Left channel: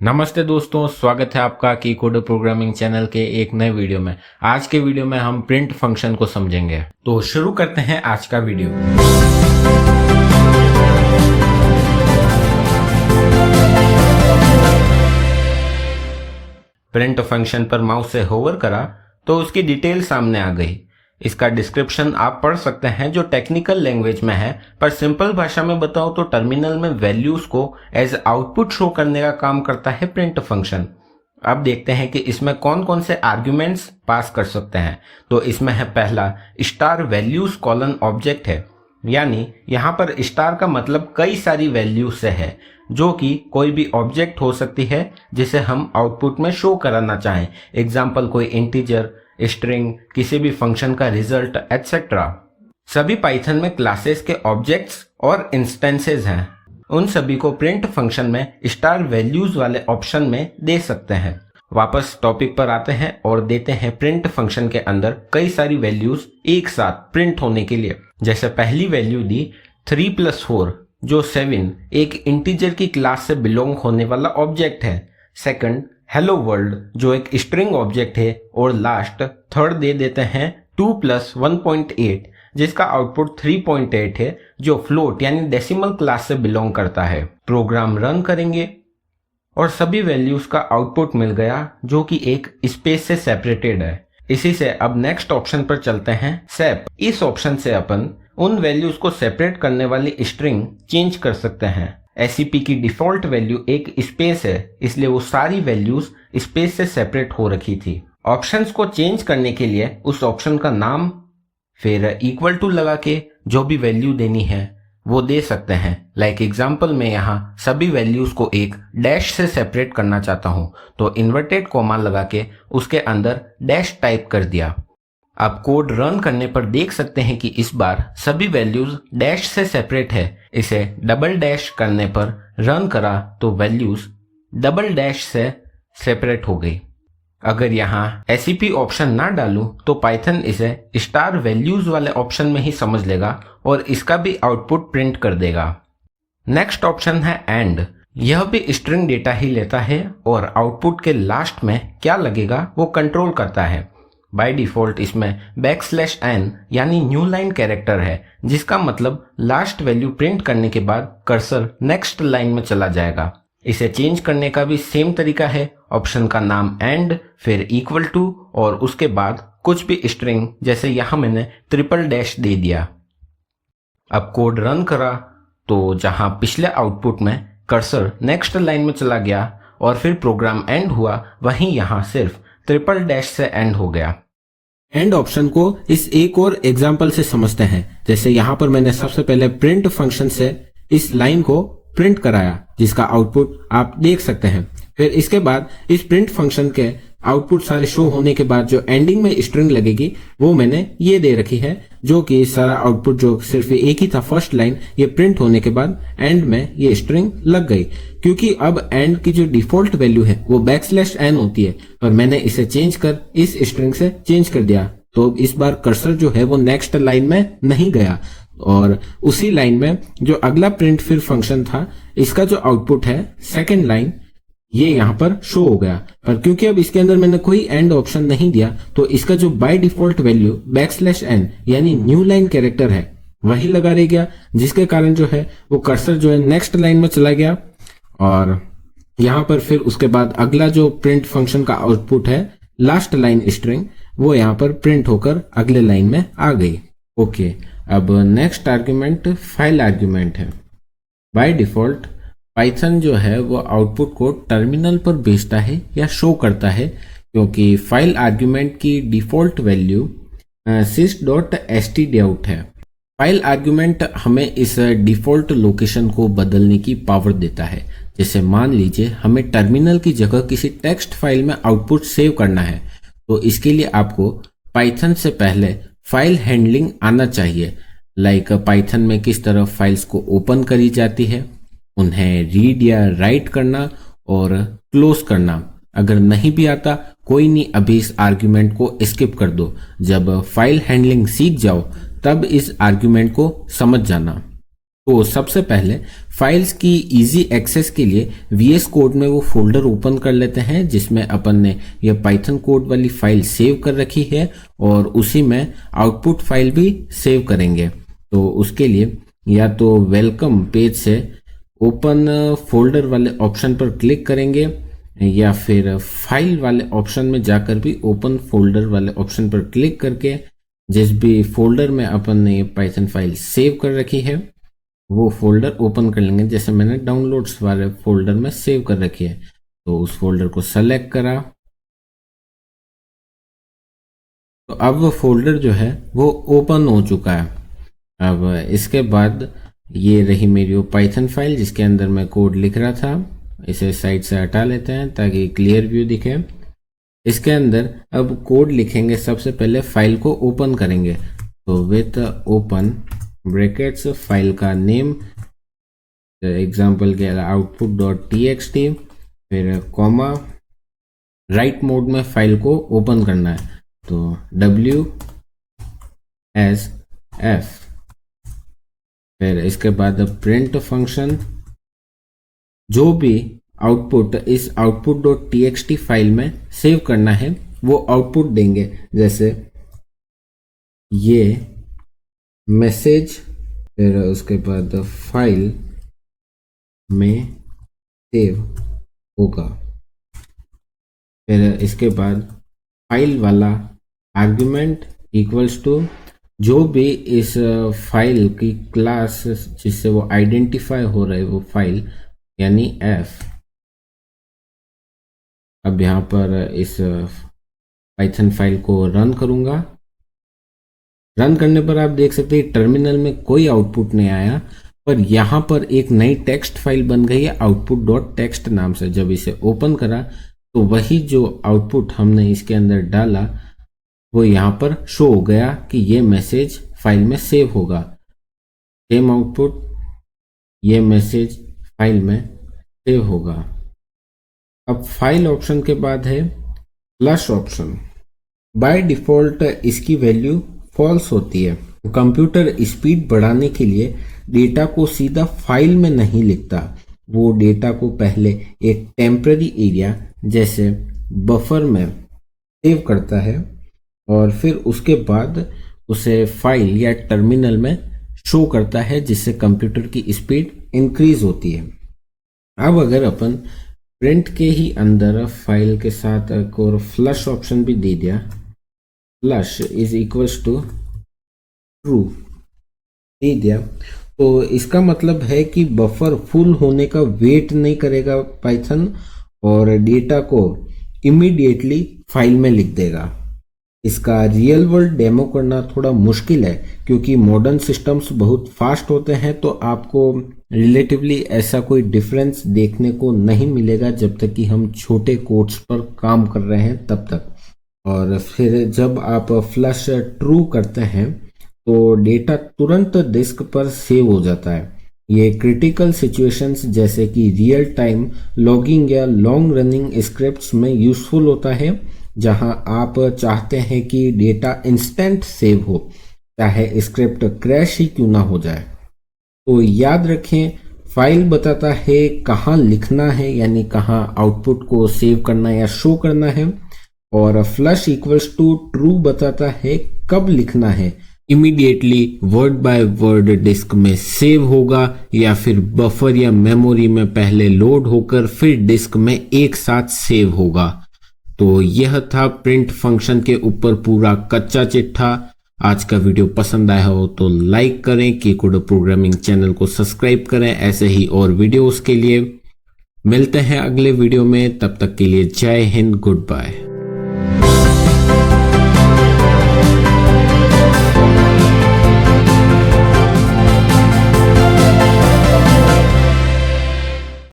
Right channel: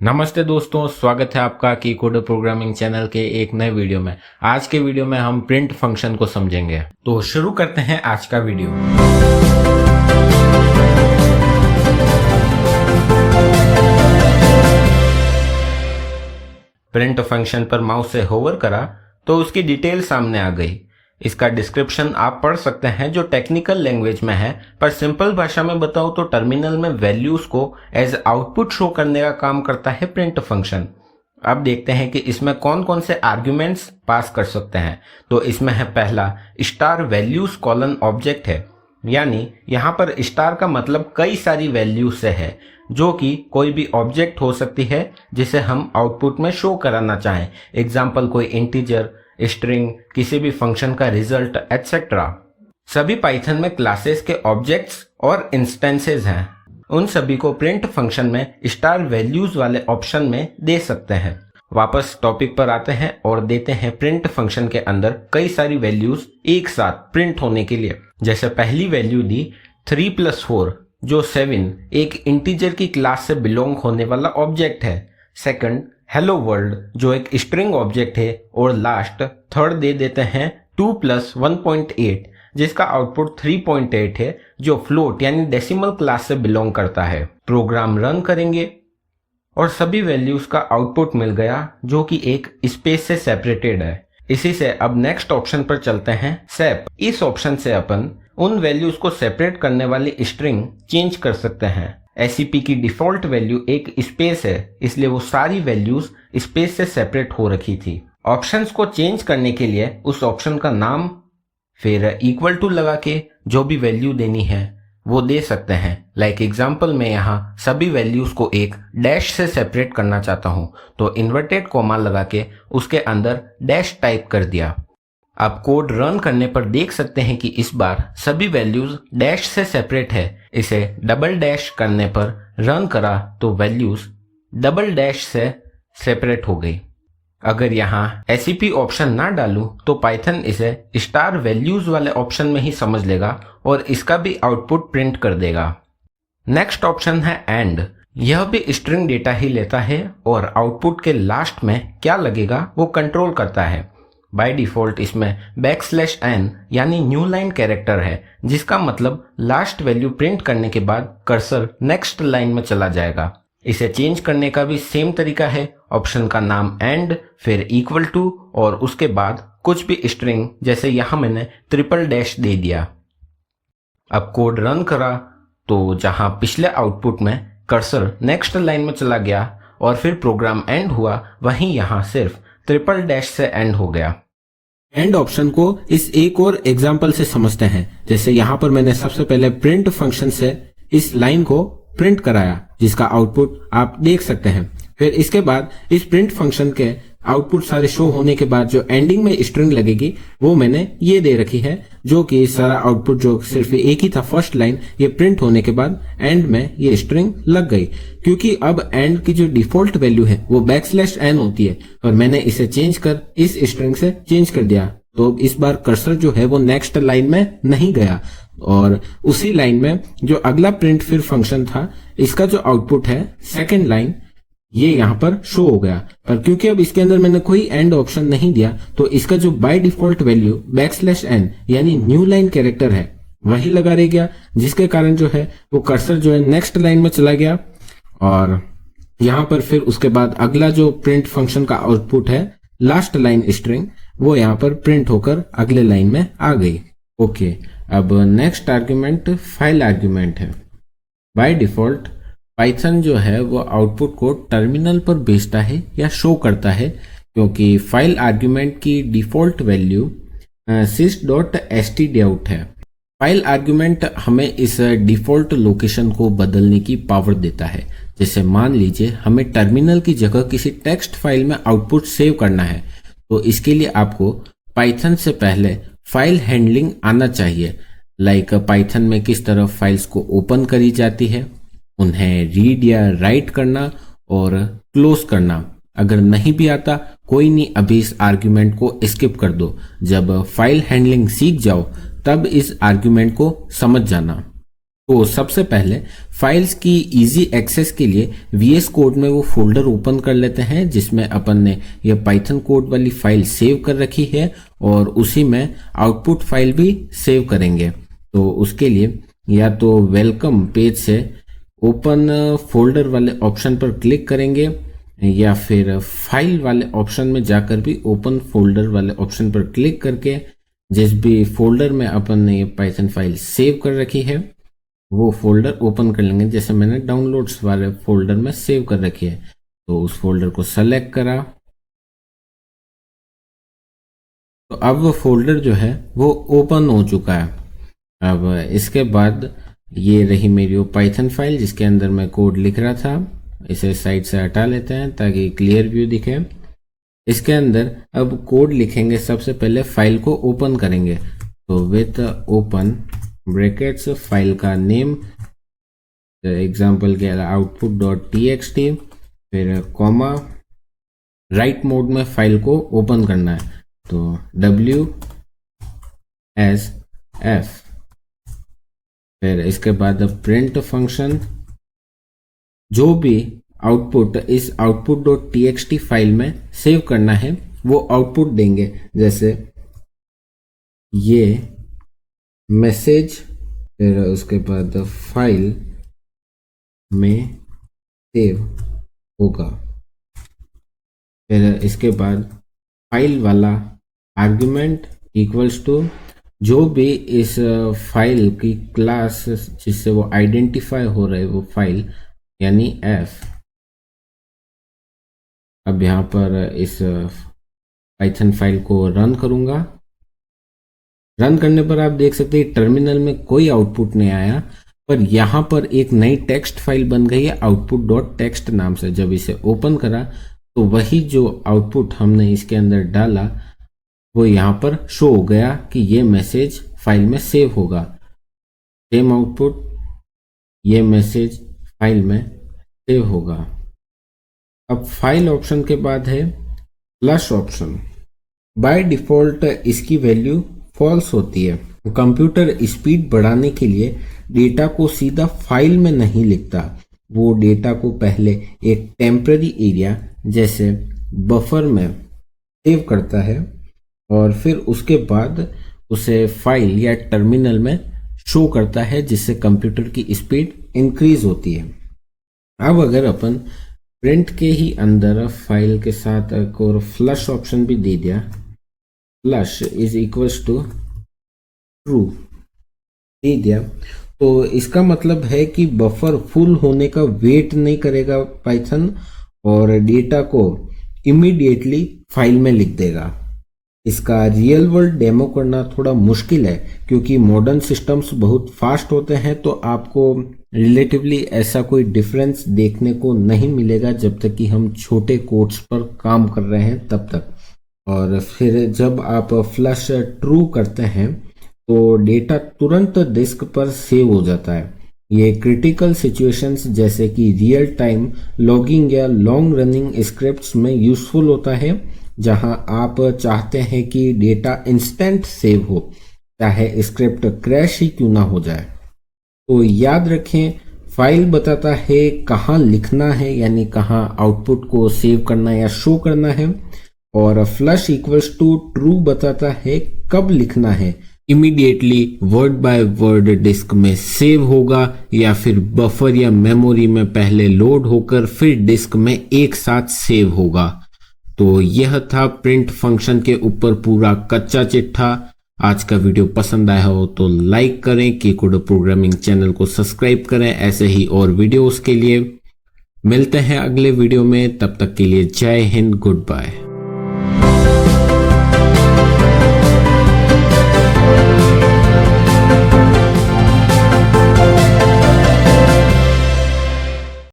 नमस्ते दोस्तों, स्वागत है आपका की कोडर प्रोग्रामिंग चैनल के एक नए वीडियो में। आज के वीडियो में हम प्रिंट फंक्शन को समझेंगे। तो शुरू करते हैं आज का वीडियो। प्रिंट फंक्शन पर माउस से होवर करा तो उसकी डिटेल सामने आ गई। इसका डिस्क्रिप्शन आप पढ़ सकते हैं जो टेक्निकल लैंग्वेज में है, पर सिंपल भाषा में बताओ तो टर्मिनल में वैल्यूज को एज आउटपुट शो करने का काम करता है प्रिंट फंक्शन। अब देखते हैं कि इसमें कौन कौन से आर्ग्यूमेंट्स पास कर सकते हैं। तो इसमें है पहला स्टार वैल्यूज कॉलन ऑब्जेक्ट है, यानी यहाँ पर स्टार का मतलब कई सारी वैल्यूज से है, जो कि कोई भी ऑब्जेक्ट हो सकती है जिसे हम आउटपुट में शो कराना चाहें। एग्जाम्पल कोई इंटीजर, स्ट्रिंग, किसी भी फंक्शन का रिजल्ट एटसेट्रा। सभी पाइथन में क्लासेस के ऑब्जेक्ट्स और इंस्टेंसेस हैं। उन सभी को प्रिंट फंक्शन में स्टार वैल्यूज वाले ऑप्शन में दे सकते हैं। वापस टॉपिक पर आते हैं और देते हैं प्रिंट फंक्शन के अंदर कई सारी वैल्यूज एक साथ प्रिंट होने के लिए। जैसे पहली वैल्यू दी 3 + 4 जो 7 एक इंटीजर की क्लास से बिलोंग होने वाला ऑब्जेक्ट है। सेकंड हेलो वर्ल्ड जो एक स्ट्रिंग ऑब्जेक्ट है। और लास्ट थर्ड दे देते हैं 2 + 1.8 जिसका आउटपुट 3.8 है, जो फ्लोट यानी डेसिमल क्लास से बिलोंग करता है। प्रोग्राम रन करेंगे और सभी वैल्यूज का आउटपुट मिल गया, जो कि एक स्पेस से सेपरेटेड है। इसी से अब नेक्स्ट ऑप्शन पर चलते हैं, सेप। इस ऑप्शन से अपन उन वैल्यूज को सेपरेट करने वाली स्ट्रिंग चेंज कर सकते हैं। SCP की डिफॉल्ट वैल्यू एक स्पेस है, इसलिए वो सारी वैल्यूज स्पेस से सेपरेट हो रखी थी। ऑप्शंस को चेंज करने के लिए उस ऑप्शन का नाम फिर इक्वल टू लगा के जो भी वैल्यू देनी है वो दे सकते हैं। लाइक एग्जाम्पल में यहाँ सभी वैल्यूज को एक डैश से सेपरेट करना चाहता हूँ, तो इन्वर्टेड कॉमा लगा के उसके अंदर डैश टाइप कर दिया। आप कोड रन करने पर देख सकते हैं कि इस बार सभी वैल्यूज डैश से सेपरेट है। इसे डबल डैश करने पर रन करा तो वैल्यूज डबल डैश से सेपरेट हो गई। अगर यहाँ SCP ऑप्शन ना डालूं तो पाइथन इसे स्टार वैल्यूज वाले ऑप्शन में ही समझ लेगा और इसका भी आउटपुट प्रिंट कर देगा। नेक्स्ट ऑप्शन है एंड। यह भी स्ट्रिंग डेटा ही लेता है और आउटपुट के लास्ट में क्या लगेगा वो कंट्रोल करता है। बाय डिफॉल्ट इसमें \n यानी न्यू लाइन कैरेक्टर है, जिसका मतलब लास्ट वैल्यू प्रिंट करने के बाद कर्सर नेक्स्ट लाइन में चला जाएगा। इसे चेंज करने का भी सेम तरीका है। ऑप्शन का नाम एंड, फिर इक्वल टू और उसके बाद कुछ भी स्ट्रिंग, जैसे यहाँ मैंने ट्रिपल डैश दे दिया। अब कोड रन करा तो जहाँ पिछले आउटपुट में कर्सर नेक्स्ट लाइन में चला गया और फिर प्रोग्राम एंड हुआ, वहीं यहाँ सिर्फ ट्रिपल डैश से एंड हो गया। एंड ऑप्शन को इस एक और एग्जांपल से समझते हैं। जैसे यहाँ पर मैंने सबसे पहले प्रिंट फंक्शन से इस लाइन को प्रिंट कराया, जिसका आउटपुट आप देख सकते हैं। फिर इसके बाद इस प्रिंट फंक्शन के आउटपुट सारे शो होने के बाद जो एंडिंग में स्ट्रिंग लगेगी वो मैंने ये दे रखी है, जो कि सारा आउटपुट जो सिर्फ एक ही था फर्स्ट लाइन, ये प्रिंट होने के बाद एंड में ये स्ट्रिंग लग गई। क्योंकि अब एंड की जो डिफॉल्ट वैल्यू है वो \n होती है, और मैंने इसे चेंज कर इस स्ट्रिंग से चेंज कर दिया, तो इस बार कर्सर जो है वो नेक्स्ट लाइन में नहीं गया और उसी लाइन में जो अगला प्रिंट फिर फंक्शन था, इसका जो आउटपुट है सेकेंड लाइन, ये यहाँ पर शो हो गया। पर क्योंकि अब इसके अंदर मैंने कोई एंड ऑप्शन नहीं दिया, तो इसका जो बाय डिफॉल्ट वैल्यू \n यानी न्यू लाइन कैरेक्टर है वही लगा रह गया, जिसके कारण जो है वो कर्सर जो है नेक्स्ट लाइन में चला गया और यहाँ पर फिर उसके बाद अगला जो प्रिंट फंक्शन का आउटपुट है लास्ट लाइन स्ट्रिंग, वो यहाँ पर प्रिंट होकर अगले लाइन में आ गई। ओके, अब नेक्स्ट आर्ग्यूमेंट फाइल आर्ग्यूमेंट है। बाय डिफॉल्ट पाइथन जो है वो आउटपुट को टर्मिनल पर भेजता है या शो करता है, क्योंकि फाइल आर्ग्यूमेंट की डिफॉल्ट वैल्यू sys.stdout है। फाइल आर्ग्यूमेंट हमें इस डिफॉल्ट लोकेशन को बदलने की पावर देता है। जैसे मान लीजिए हमें टर्मिनल की जगह किसी टेक्स्ट फाइल में आउटपुट सेव करना है, तो इसके लिए आपको पाइथन से पहले फाइल हैंडलिंग आना चाहिए। लाइक पाइथन में किस तरह फाइल्स को ओपन करी जाती है, उन्हें रीड या राइट करना और क्लोज करना। अगर नहीं भी आता कोई नहीं, अभी इस आर्ग्यूमेंट को स्किप कर दो। जब फाइल हैंडलिंग सीख जाओ तब इस आर्ग्यूमेंट को समझ जाना। तो सबसे पहले फाइल्स की इजी एक्सेस के लिए VS कोड में वो फोल्डर ओपन कर लेते हैं जिसमें अपन ने ये पाइथन कोड वाली फाइल सेव कर रखी है और उसी में आउटपुट फाइल भी सेव करेंगे। तो उसके लिए या तो वेलकम पेज से ओपन फोल्डर वाले ऑप्शन पर क्लिक करेंगे या फिर फाइल वाले ऑप्शन में जाकर भी ओपन फोल्डर वाले ऑप्शन पर क्लिक करके जिस भी फोल्डर में अपन ने ये पाइथन फाइल सेव कर रखी है वो फोल्डर ओपन कर लेंगे। जैसे मैंने डाउनलोड्स वाले फोल्डर में सेव कर रखी है तो उस फोल्डर को सेलेक्ट करा। तो अब वो फोल्डर जो है वो ओपन हो चुका है। अब इसके बाद ये रही मेरी वो पाइथन फाइल जिसके अंदर मैं कोड लिख रहा था। इसे साइड से हटा लेते हैं ताकि क्लियर व्यू दिखे। इसके अंदर अब कोड लिखेंगे। सबसे पहले फाइल को ओपन करेंगे तो विथ ओपन ब्रैकेट्स फाइल का नेम एग्जाम्पल के output.txt फिर कॉमा राइट मोड में फाइल को ओपन करना है तो WSF फिर इसके बाद प्रिंट फंक्शन जो भी आउटपुट इस output.txt फाइल में सेव करना है वो आउटपुट देंगे। जैसे ये मैसेज फिर उसके बाद फाइल में सेव होगा। फिर इसके बाद फाइल वाला आर्गुमेंट इक्वल्स टू जो भी इस फाइल की क्लास जिससे वो आइडेंटिफाई हो रहा है वो फाइल यानी F। अब यहाँ पर इस पाइथन फाइल को रन करूंगा। रन करने पर आप देख सकते हैं टर्मिनल में कोई आउटपुट नहीं आया पर यहाँ पर एक नई टेक्स्ट फाइल बन गई है output.txt नाम से। जब इसे ओपन करा तो वही जो आउटपुट हमने इसके अंदर डाला वो यहाँ पर शो हो गया कि ये मैसेज फाइल में सेव होगा। सेम आउटपुट ये मैसेज फाइल में सेव होगा। अब फाइल ऑप्शन के बाद है फ्लश ऑप्शन। बाय डिफॉल्ट इसकी वैल्यू फॉल्स होती है। कंप्यूटर स्पीड बढ़ाने के लिए डेटा को सीधा फाइल में नहीं लिखता, वो डेटा को पहले एक टेम्पररी एरिया जैसे बफर में सेव करता है और फिर उसके बाद उसे फाइल या टर्मिनल में शो करता है जिससे कंप्यूटर की स्पीड इंक्रीज होती है। अब अगर अपन प्रिंट के ही अंदर फाइल के साथ एक और फ्लश ऑप्शन भी दे दिया, flush is equals to true दे दिया तो इसका मतलब है कि बफर फुल होने का वेट नहीं करेगा पाइथन और डेटा को इमीडिएटली फाइल में लिख देगा। इसका रियल वर्ल्ड डेमो करना थोड़ा मुश्किल है क्योंकि मॉडर्न सिस्टम्स बहुत फास्ट होते हैं तो आपको रिलेटिवली ऐसा कोई डिफरेंस देखने को नहीं मिलेगा जब तक कि हम छोटे कोड्स पर काम कर रहे हैं तब तक। और फिर जब आप फ्लश ट्रू करते हैं तो डेटा तुरंत डिस्क पर सेव हो जाता है। ये क्रिटिकल सिचुएशंस जैसे कि रियल टाइम लॉगिंग या लॉन्ग रनिंग स्क्रिप्ट्स में यूजफुल होता है जहां आप चाहते हैं कि डेटा इंस्टेंट सेव हो चाहे स्क्रिप्ट क्रैश ही क्यों ना हो जाए। तो याद रखें फाइल बताता है कहाँ लिखना है यानी कहाँ आउटपुट को सेव करना या शो करना है और फ्लश इक्वल्स टू ट्रू बताता है कब लिखना है, immediately word by word disk में सेव होगा या फिर बफर या मेमोरी में पहले लोड होकर फिर डिस्क में एक साथ सेव होगा। तो यह था प्रिंट फंक्शन के ऊपर पूरा कच्चा चिट्ठा। आज का वीडियो पसंद आया हो तो लाइक करें, कीकोड प्रोग्रामिंग चैनल को सब्सक्राइब करें ऐसे ही और वीडियोस के लिए। मिलते हैं अगले वीडियो में, तब तक के लिए जय हिंद, गुड बाय।